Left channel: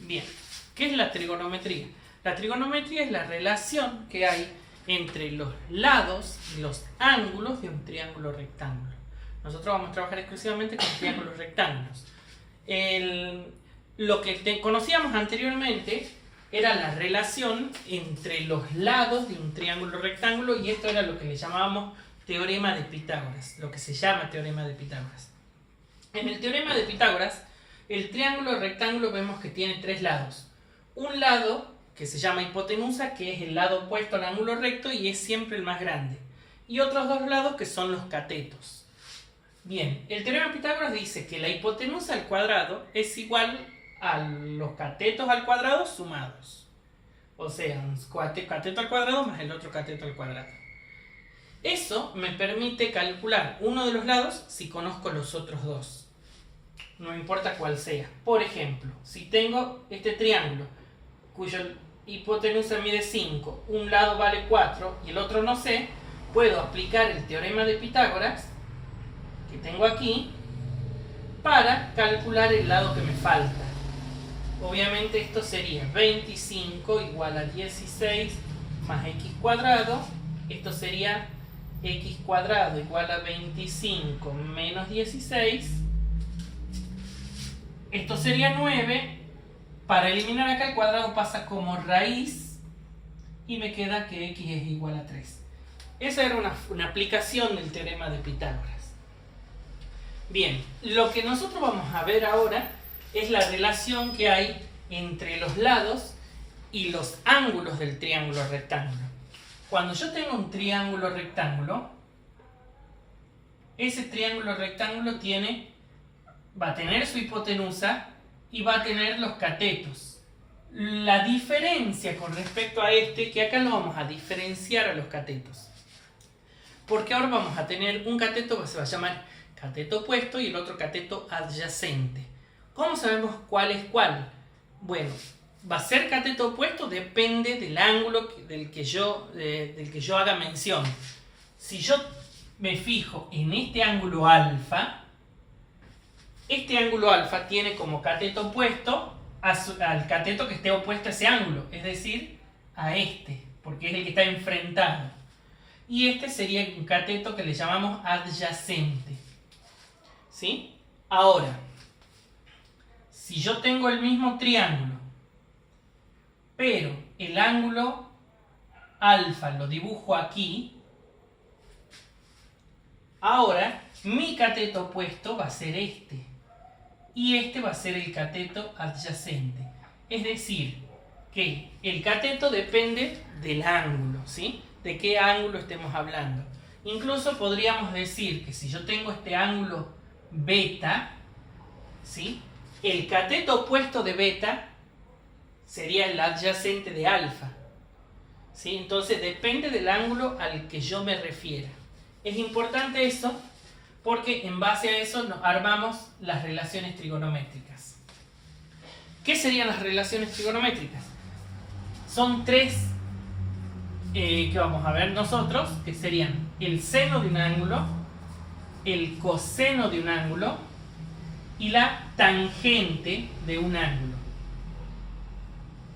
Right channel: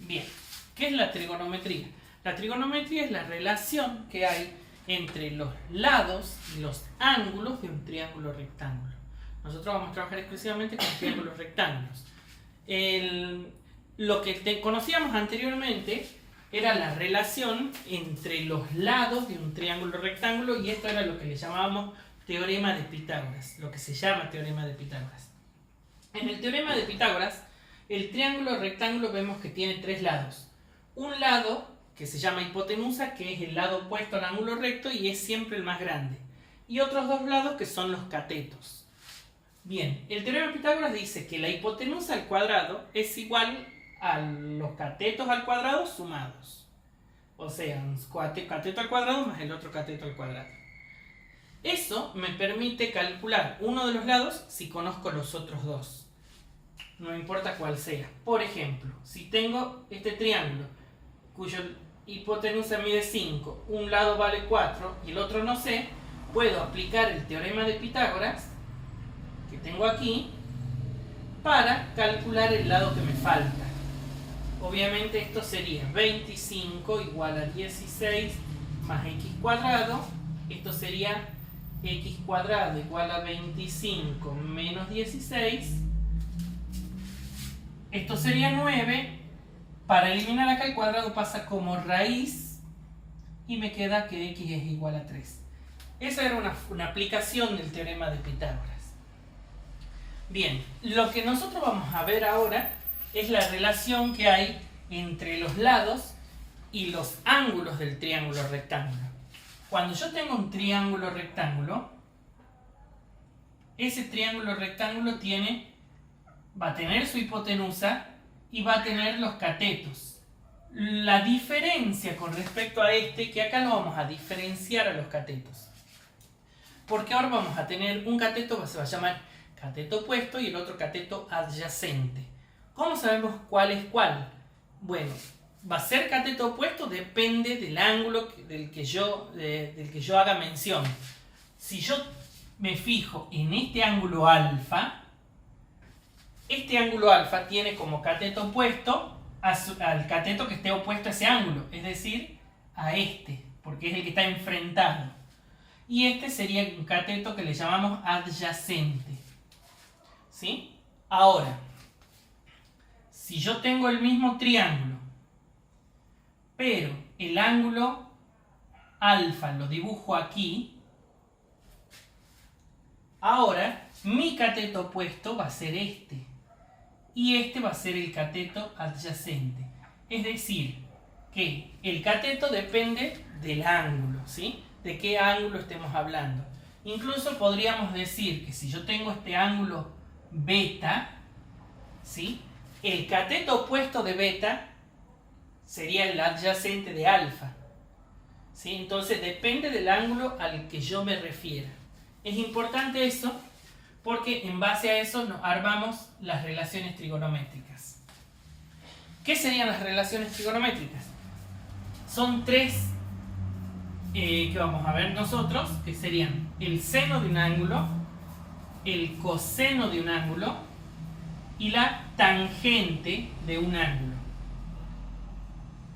Bien, ¿qué es la trigonometría? La trigonometría es la relación que hay entre los lados y los ángulos de un triángulo rectángulo. Nosotros vamos a trabajar exclusivamente con triángulos rectángulos. Lo que conocíamos anteriormente era la relación entre los lados de un triángulo rectángulo, y esto era lo que le llamábamos teorema de Pitágoras, lo que se llama teorema de Pitágoras. En el teorema de Pitágoras, el triángulo rectángulo vemos que tiene tres lados. Un lado que se llama hipotenusa, que es el lado opuesto al ángulo recto y es siempre el más grande. Y otros dos lados que son los catetos. Bien, el teorema de Pitágoras dice que la hipotenusa al cuadrado es igual a los catetos al cuadrado sumados. O sea, un cateto al cuadrado más el otro cateto al cuadrado. Eso me permite calcular uno de los lados si conozco los otros dos. No importa cuál sea. Por ejemplo, si tengo este triángulo cuya hipotenusa mide 5, un lado vale 4 y el otro no sé, puedo aplicar el teorema de Pitágoras que tengo aquí para calcular el lado que me falta. Obviamente esto sería 25 igual a 16 más x cuadrado. Esto sería x cuadrado igual a 25 menos 16. Esto sería 9. Para eliminar acá el cuadrado pasa como raíz y me queda que x es igual a 3. Esa era una aplicación del teorema de Pitágoras. Bien, lo que nosotros vamos a ver ahora es la relación que hay entre los lados y los ángulos del triángulo rectángulo. Cuando yo tengo un triángulo rectángulo, ese triángulo rectángulo va a tener su hipotenusa y va a tener los catetos. La diferencia con respecto a que acá lo vamos a diferenciar a los catetos. Porque ahora vamos a tener un cateto que se va a llamar cateto opuesto y el otro cateto adyacente. ¿Cómo sabemos cuál es cuál? Bueno, va a ser cateto opuesto, depende del ángulo del que yo haga mención. Si yo me fijo en este ángulo alfa, este ángulo alfa tiene como cateto opuesto al cateto que esté opuesto a ese ángulo, es decir, a este, porque es el que está enfrentado. Y este sería un cateto que le llamamos adyacente. ¿Sí? Ahora, si yo tengo el mismo triángulo, pero el ángulo alfa lo dibujo aquí, ahora mi cateto opuesto va a ser este. Y este va a ser el cateto adyacente. Es decir, que el cateto depende del ángulo, ¿sí? De qué ángulo estemos hablando. Incluso podríamos decir que si yo tengo este ángulo beta, ¿sí? El cateto opuesto de beta sería el adyacente de alfa, ¿sí? Entonces depende del ángulo al que yo me refiera. Es importante eso porque en base a eso nos armamos las relaciones trigonométricas. ¿Qué serían las relaciones trigonométricas? Son tres que vamos a ver nosotros, que serían el seno de un ángulo, el coseno de un ángulo y la tangente de un ángulo.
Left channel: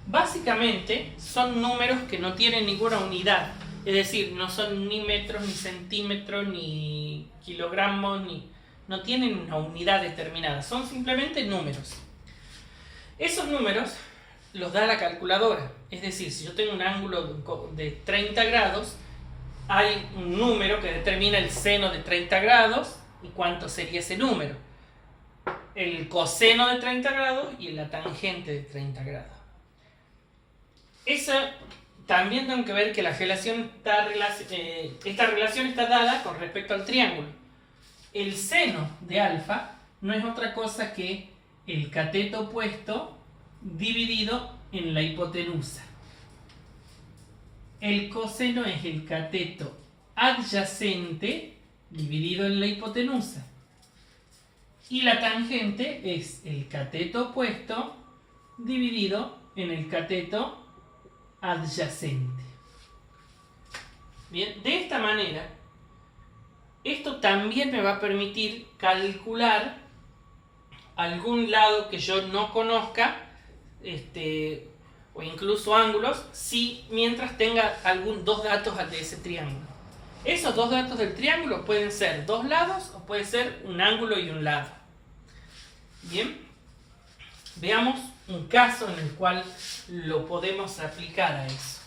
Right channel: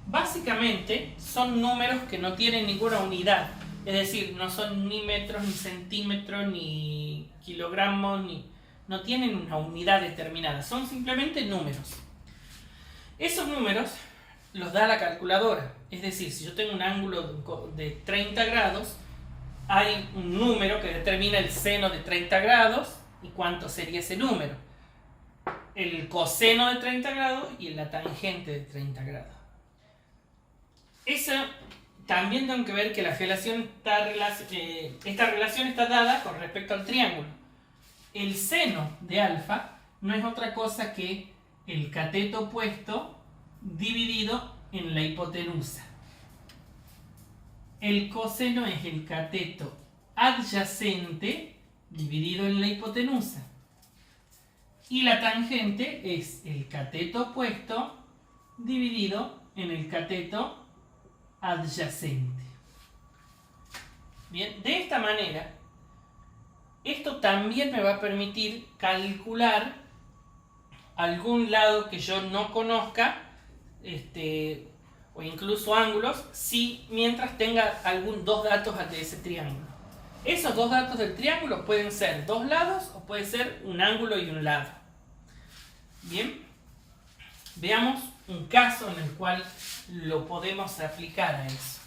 Básicamente son números que no tienen ninguna unidad, es decir, no son ni metros, ni centímetros, ni kilogramos, no tienen una unidad determinada, son simplemente números. Esos números los da la calculadora, es decir, si yo tengo un ángulo de 30 grados, hay un número que determina el seno de 30 grados y cuánto sería ese número, el coseno de 30 grados y la tangente de 30 grados. También tengo que ver que esta relación está dada con respecto al triángulo. El seno de alfa no es otra cosa que el cateto opuesto dividido en la hipotenusa. El coseno es el cateto adyacente dividido en la hipotenusa. Y la tangente es el cateto opuesto dividido en el cateto adyacente. Bien, de esta manera, esto también me va a permitir calcular algún lado que yo no conozca o incluso ángulos, si mientras tenga dos datos de ese triángulo. Esos dos datos del triángulo pueden ser dos lados o puede ser un ángulo y un lado. Bien, veamos un caso en el cual lo podemos aplicar a eso.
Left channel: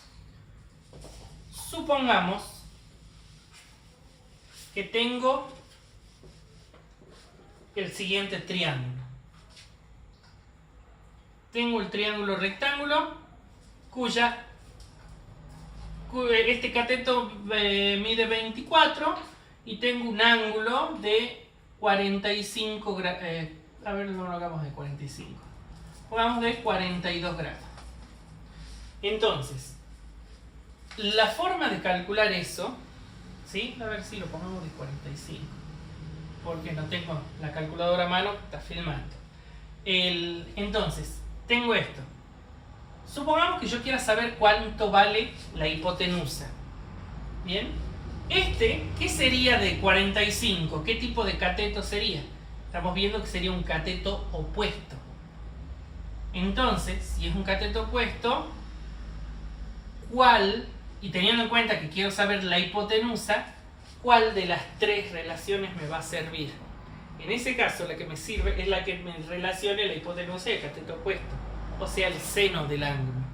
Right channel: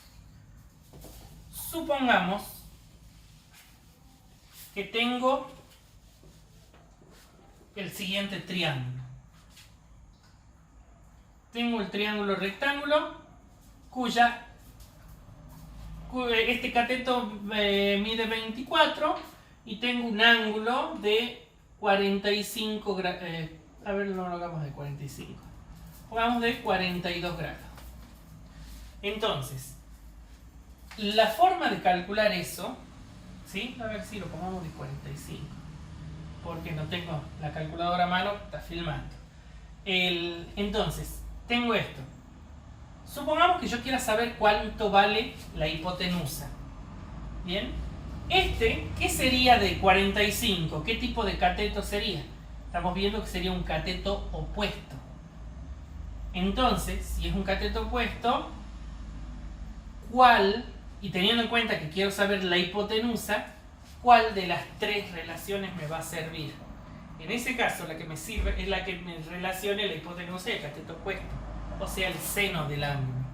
Supongamos que tengo el siguiente triángulo. Tengo el triángulo rectángulo este cateto mide 24 y tengo un ángulo de 45 grados. A ver, no lo hagamos de 45. Pongamos de 42 grados. Entonces, la forma de calcular eso, ¿sí? A ver si lo pongamos de 45. Porque no tengo la calculadora a mano, está filmando. Entonces, tengo esto. Supongamos que yo quiera saber cuánto vale la hipotenusa. Bien. ¿Qué sería de 45? ¿Qué tipo de cateto sería? Estamos viendo que sería un cateto opuesto. Entonces, si es un cateto opuesto, y teniendo en cuenta que quiero saber la hipotenusa, ¿cuál de las tres relaciones me va a servir? En ese caso, la que me sirve es la que me relacione la hipotenusa y el cateto opuesto, o sea, el seno del ángulo.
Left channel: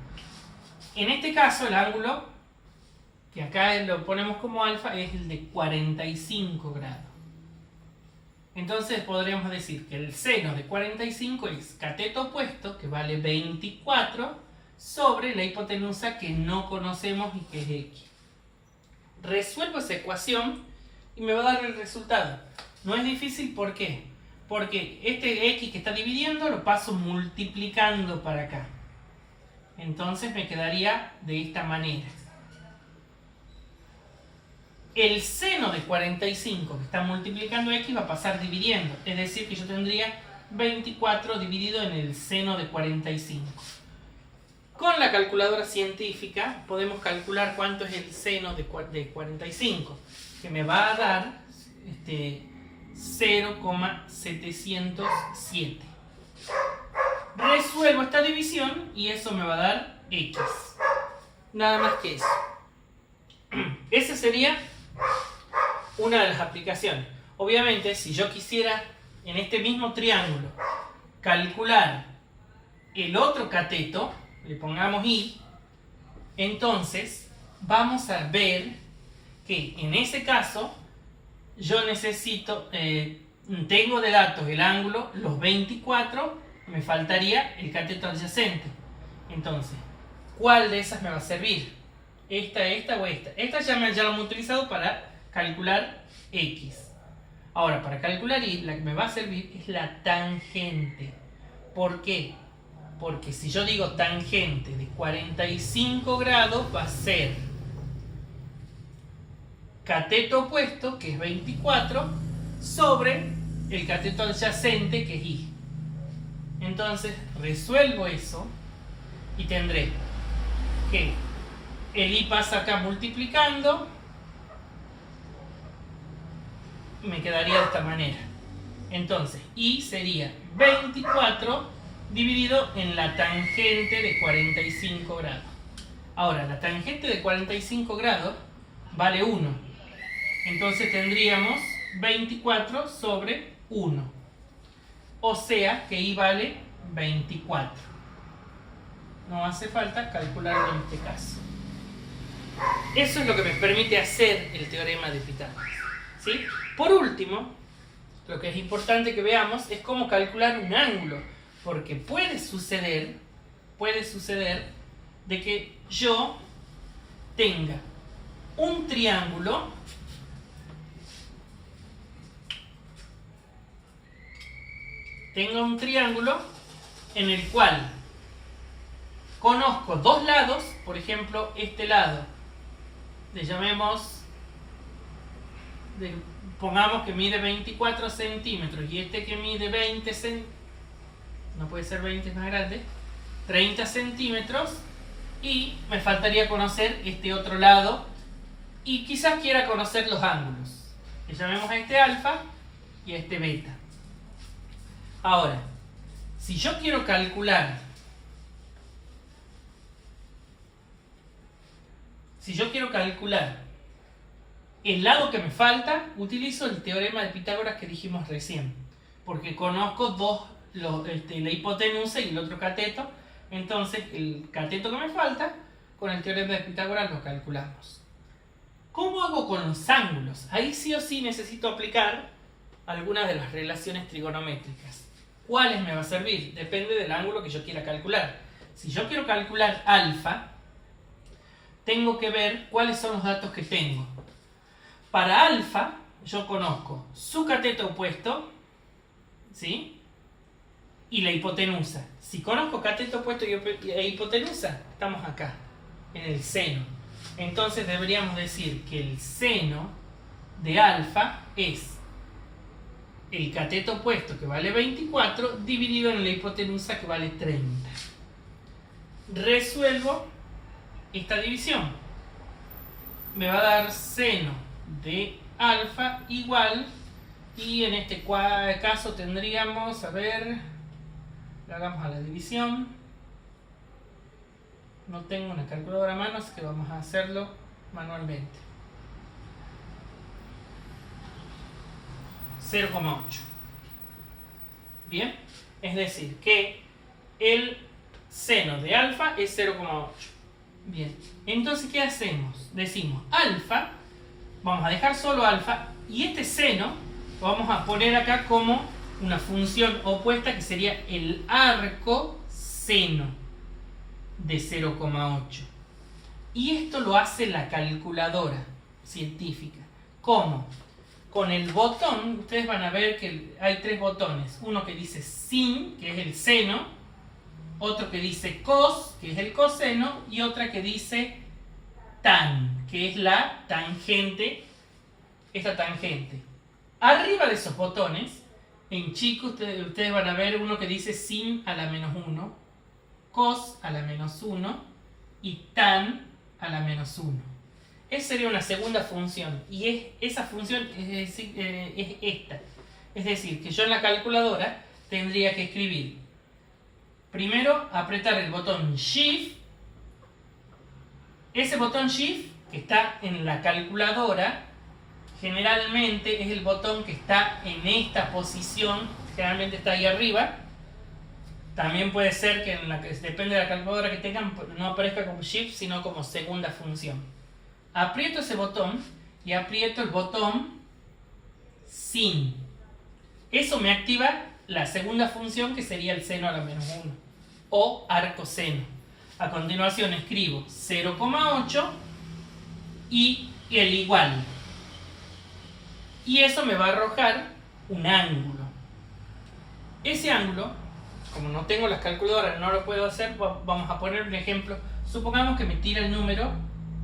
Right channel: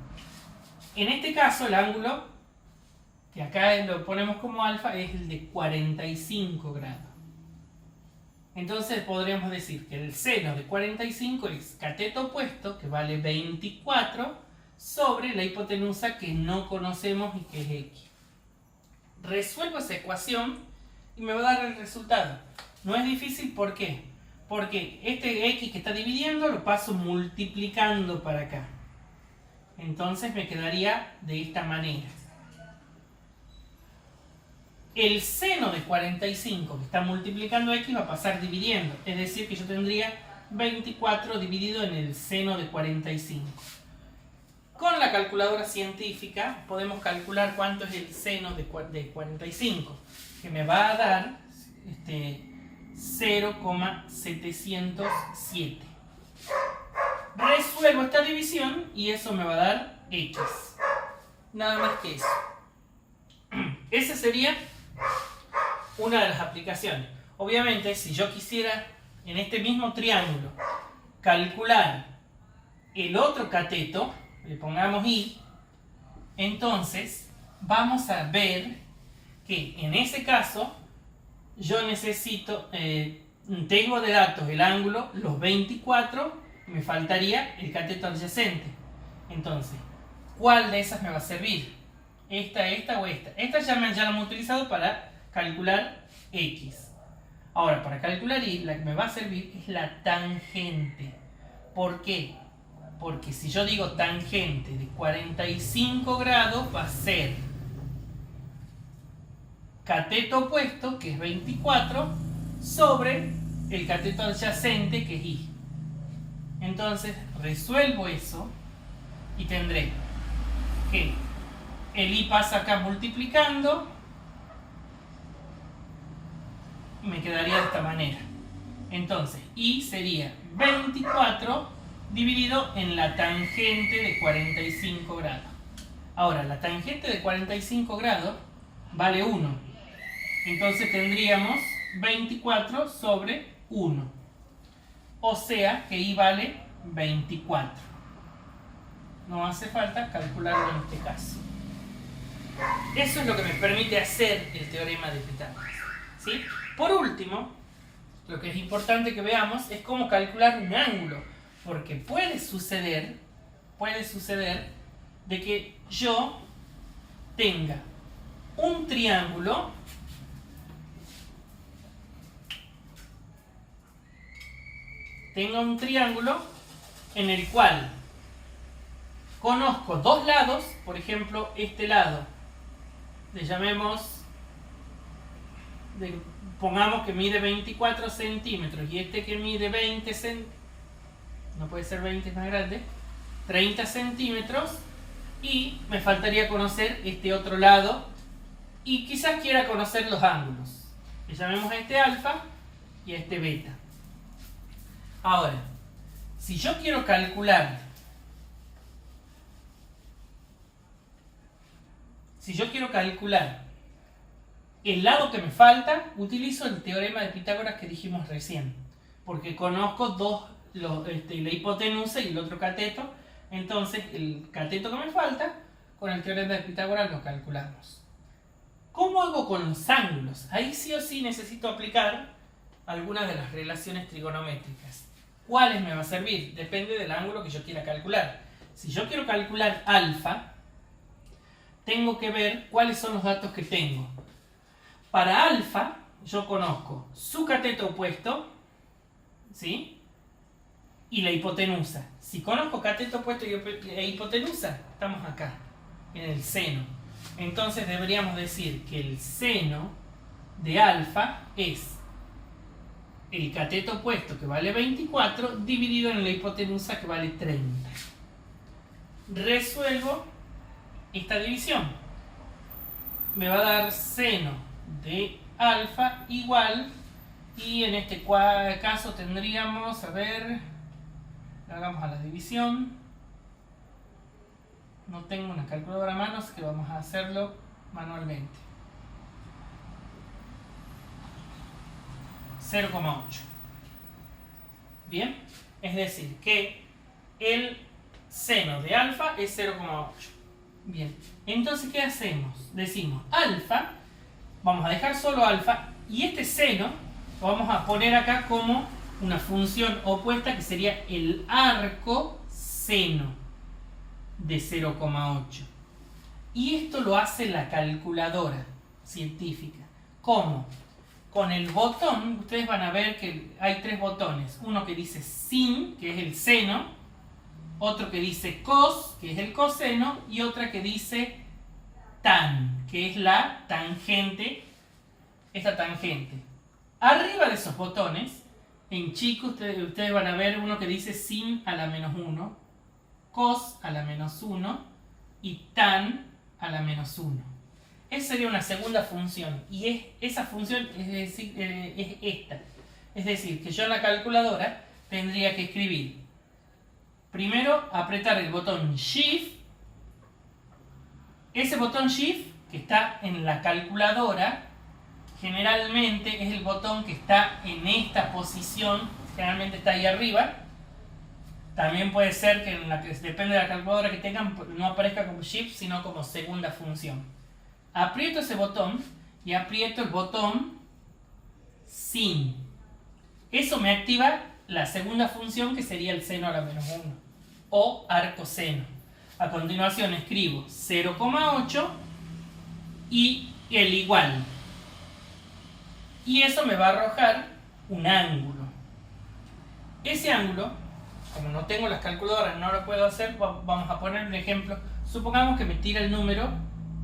En este caso, el ángulo, que acá lo ponemos como alfa, es el de 45 grados. Entonces podremos decir que el seno de 45 es cateto opuesto, que vale 24, sobre la hipotenusa que no conocemos y que es x. Resuelvo esa ecuación y me va a dar el resultado. No es difícil, ¿por qué? Porque este x que está dividiendo lo paso multiplicando para acá. Entonces me quedaría de esta manera. El seno de 45 que está multiplicando x va a pasar dividiendo. Es decir, que yo tendría 24 dividido en el seno de 45. Con la calculadora científica podemos calcular cuánto es el seno de 45, que me va a dar 0,707. Resuelvo esta división y eso me va a dar x. Nada más que eso. Esa sería una de las aplicaciones. Obviamente, si yo quisiera en este mismo triángulo calcular el otro cateto, le pongamos y, entonces vamos a ver que en ese caso yo necesito, tengo de datos el ángulo, los 24, me faltaría el cateto adyacente. Entonces, ¿cuál de esas me va a servir? ¿Esta o esta? Esta ya lo hemos utilizado para calcular x. Ahora, para calcular y, la que me va a servir es la tangente. ¿Por qué? Porque si yo digo tangente de 45 grados va a ser cateto opuesto, que es 24, sobre el cateto adyacente, que es y. Entonces resuelvo eso y tendré que el y pasa acá multiplicando y me quedaría de esta manera. Entonces y sería 24 dividido en la tangente de 45 grados. Ahora, la tangente de 45 grados vale 1. Entonces tendríamos 24 sobre 1. O sea que y vale 24. No hace falta calcularlo en este caso. Eso es lo que me permite hacer el teorema de Pitágoras. ¿Sí? Por último, lo que es importante que veamos es cómo calcular un ángulo. Porque puede suceder de que yo tenga un triángulo en el cual conozco dos lados, por ejemplo, este lado, le llamemos, pongamos que mide 24 centímetros y este que mide 20 centímetros, no puede ser 20, es más grande, 30 centímetros, y me faltaría conocer este otro lado y quizás quiera conocer los ángulos. Le llamemos a este alfa y a este beta. Ahora, si yo quiero calcular Si yo quiero calcular el lado que me falta, utilizo el teorema de Pitágoras que dijimos recién, porque conozco la hipotenusa y el otro cateto. Entonces el cateto que me falta, con el teorema de Pitágoras lo calculamos. ¿Cómo hago con los ángulos? Ahí sí o sí necesito aplicar algunas de las relaciones trigonométricas. ¿Cuáles me va a servir? Depende del ángulo que yo quiera calcular. Si yo quiero calcular alfa, tengo que ver cuáles son los datos que tengo. Para alfa, yo conozco su cateto opuesto, ¿sí? Y la hipotenusa. Si conozco cateto opuesto e hipotenusa, estamos acá, en el seno. Entonces deberíamos decir que el seno de alfa es el cateto opuesto, que vale 24, dividido en la hipotenusa, que vale 30. Resuelvo esta división. Me va a dar seno de alfa igual, y en este caso tendríamos, a ver, hagamos a la división. No tengo una calculadora a mano, así que vamos a hacerlo manualmente. 0,8. Bien, es decir, que el seno de alfa es 0,8. Bien, entonces ¿qué hacemos? Decimos alfa, vamos a dejar solo alfa, y este seno lo vamos a poner acá como una función opuesta, que sería el arco seno de 0,8. Y esto lo hace la calculadora científica. ¿Cómo? Con el botón, ustedes van a ver que hay tres botones. Uno que dice sin, que es el seno, otro que dice cos, que es el coseno, y otra que dice tan, que es la tangente, esta tangente. Arriba de esos botones, en chico, ustedes van a ver uno que dice sin a la menos 1, cos a la menos 1 y tan a la menos 1. Esa sería una segunda función, y esa función es esta. Es decir, que yo en la calculadora tendría que escribir, primero apretar el botón Shift. Ese botón Shift que está en la calculadora generalmente es el botón que está en esta posición, generalmente está ahí arriba. También puede ser que depende de la calculadora que tengan, no aparezca como Shift, sino como segunda función. Aprieto ese botón y aprieto el botón sin. Eso me activa la segunda función, que sería el seno a la menos 1 o arco seno. A continuación escribo 0,8 y el igual. Y eso me va a arrojar un ángulo. Ese ángulo, como no tengo las calculadoras, no lo puedo hacer, vamos a poner un ejemplo. Supongamos que me tira el número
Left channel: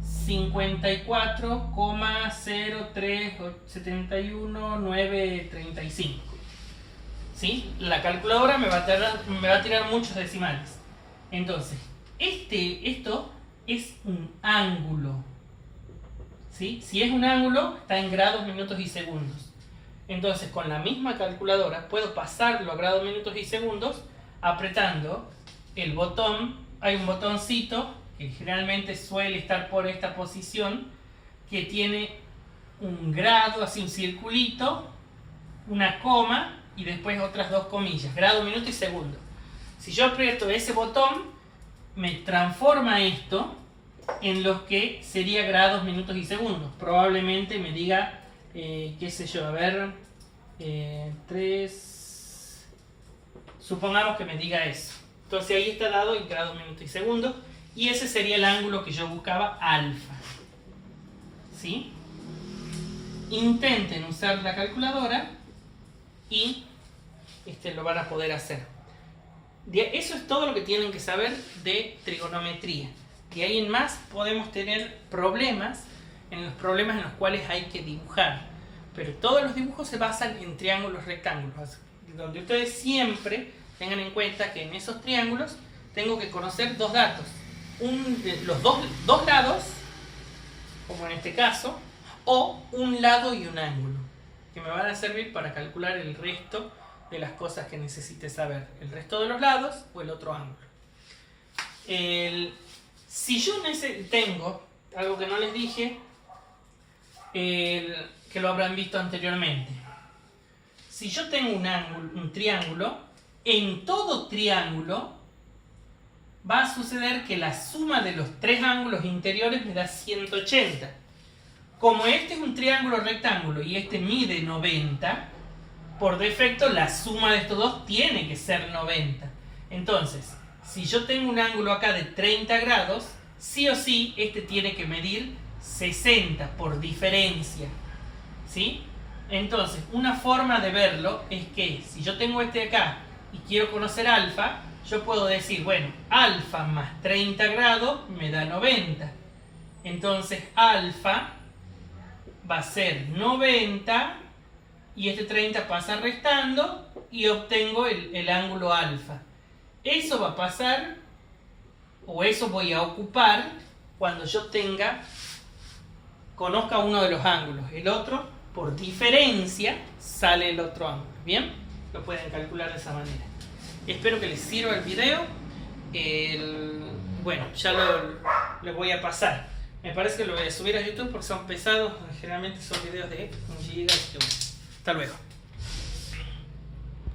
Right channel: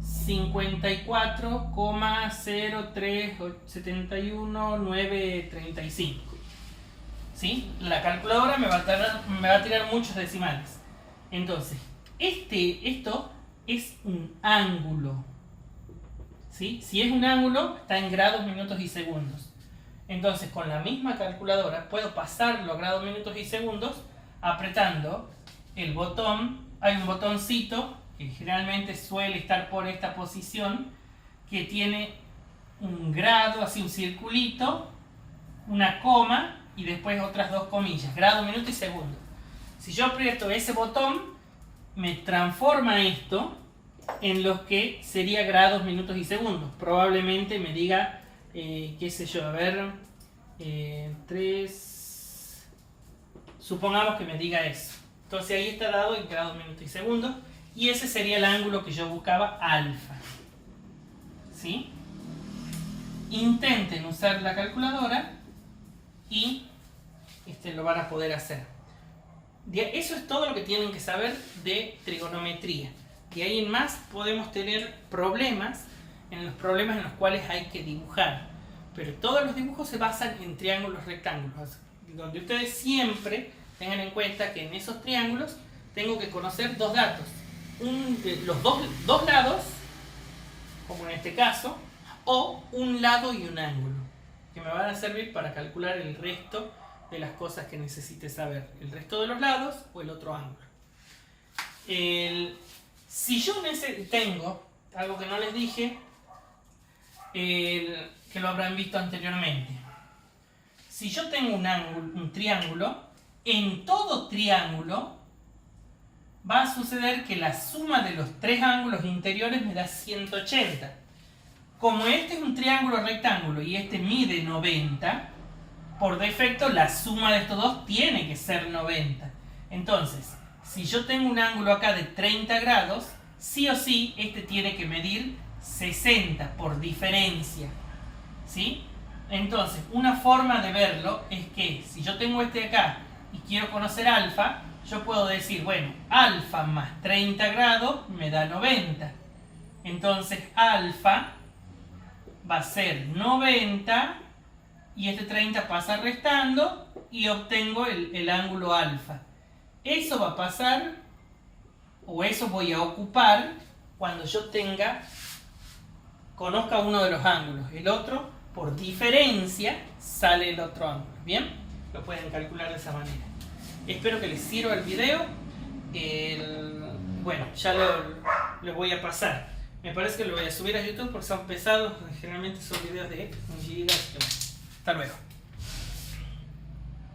54,0371935. ¿Sí? La calculadora me va a tirar muchos decimales. Entonces, esto es un ángulo. ¿Sí? Si es un ángulo, está en grados, minutos y segundos. Entonces, con la misma calculadora puedo pasarlo a grados, minutos y segundos apretando el botón. Hay un botoncito que generalmente suele estar por esta posición, que tiene un grado, así un circulito, una coma y después otras dos comillas, grado, minuto y segundo. Si yo aprieto ese botón, me transforma esto en lo que sería grados, minutos y segundos. Probablemente me diga, qué sé yo, a ver, 3, supongamos que me diga eso. Entonces ahí está dado en grados, minutos y segundos, y ese sería el ángulo que yo buscaba, alfa. ¿Sí? Intenten usar la calculadora y lo van a poder hacer. Eso es todo lo que tienen que saber de trigonometría. De ahí en más podemos tener problemas en los cuales hay que dibujar. Pero todos los dibujos se basan en triángulos rectángulos, donde ustedes siempre tengan en cuenta que en esos triángulos tengo que conocer dos datos. Los dos lados, como en este caso, o un lado y un ángulo, que me van a servir para calcular el resto de las cosas que necesite saber. El resto de los lados o el otro ángulo. Si yo tengo algo que no les dije, que lo habrán visto anteriormente. Si yo tengo un triángulo, en todo triángulo va a suceder que la suma de los tres ángulos interiores me da 180. Como este es un triángulo rectángulo y este mide 90, por defecto la suma de estos dos tiene que ser 90. Entonces, si yo tengo un ángulo acá de 30 grados, sí o sí este tiene que medir 60 por diferencia, ¿sí? Entonces, una forma de verlo es que si yo tengo este de acá y quiero conocer alfa, yo puedo decir, bueno, alfa más 30 grados me da 90. Entonces, alfa va a ser 90 y este 30 pasa restando y obtengo el ángulo alfa. Eso va a pasar, o eso voy a ocupar cuando yo conozca uno de los ángulos. El otro, por diferencia, sale el otro ángulo. ¿Bien? Lo pueden calcular de esa manera. Espero que les sirva el video. Bueno, ya lo voy a pasar. Me parece que lo voy a subir a YouTube porque son pesados. Generalmente son videos de 1 GB. Hasta luego.